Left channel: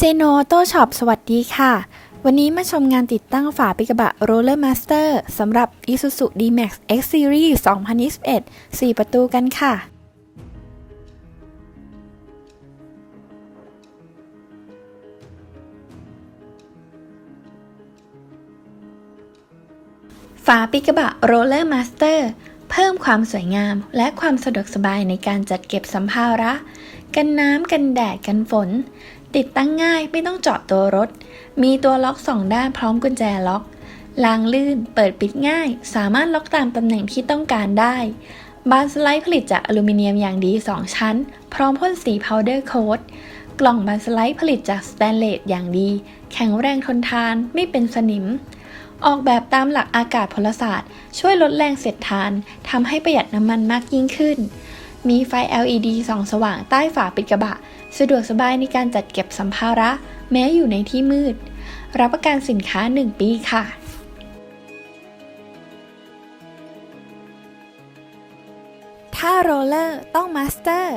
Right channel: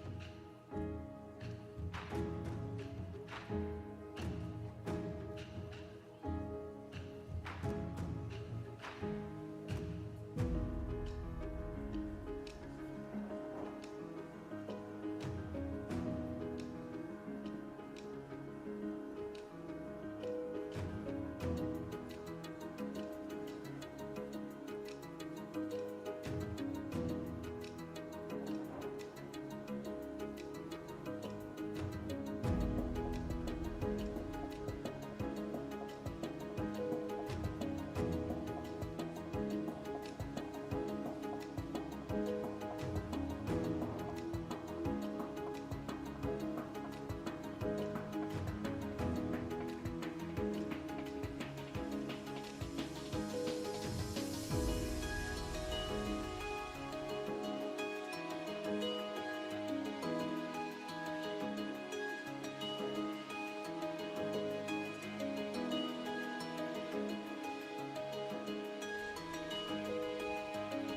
เจโนโต้ช็อปสวัสดีค่ะ วันนี้มาชมงานติดตั้งฝาปิกระบะ Roller Master สำหรับ Isuzu D-Max X Series 2021 4 ประตูกันค่ะ ฝาปิกระบะ Roller Master เพิ่มความสวยงามและความสะดวกสบายในการจัดเก็บสัมภาระ กันน้ำกันแดดกันฝน ติดตั้งง่ายไม่ต้องเจาะตัวรถ มีตัวล็อกสองด้านพร้อมกุญแจล็อกลางลื่น เปิดปิดง่าย สามารถล็อกตามตำแหน่งที่ต้องการได้ บานสไลด์ผลิตจากอลูมิเนียมอย่างดี 2 ชั้น พร้อมพ่นสีพาวเดอร์โค้ดกล่องบานสไลด์ผลิตจากสแตนเลสอย่างดี แข็งแรงทนทาน ไม่เป็นสนิม ออกแบบตามหลักอากาศพลศาสตร์ ช่วยลดแรงเสียดทานทำให้ประหยัดน้ำมันมากยิ่งขึ้น มีไฟ LED ส่องสว่างใต้ฝาปิดกระบะ สะดวกสบายในการจัดเก็บสัมภาระ แม้อยู่ในที่มืด รับประกันสินค้า 1 ปีค่ะถ้าโรลเลอร์ต้องมาสเตอร์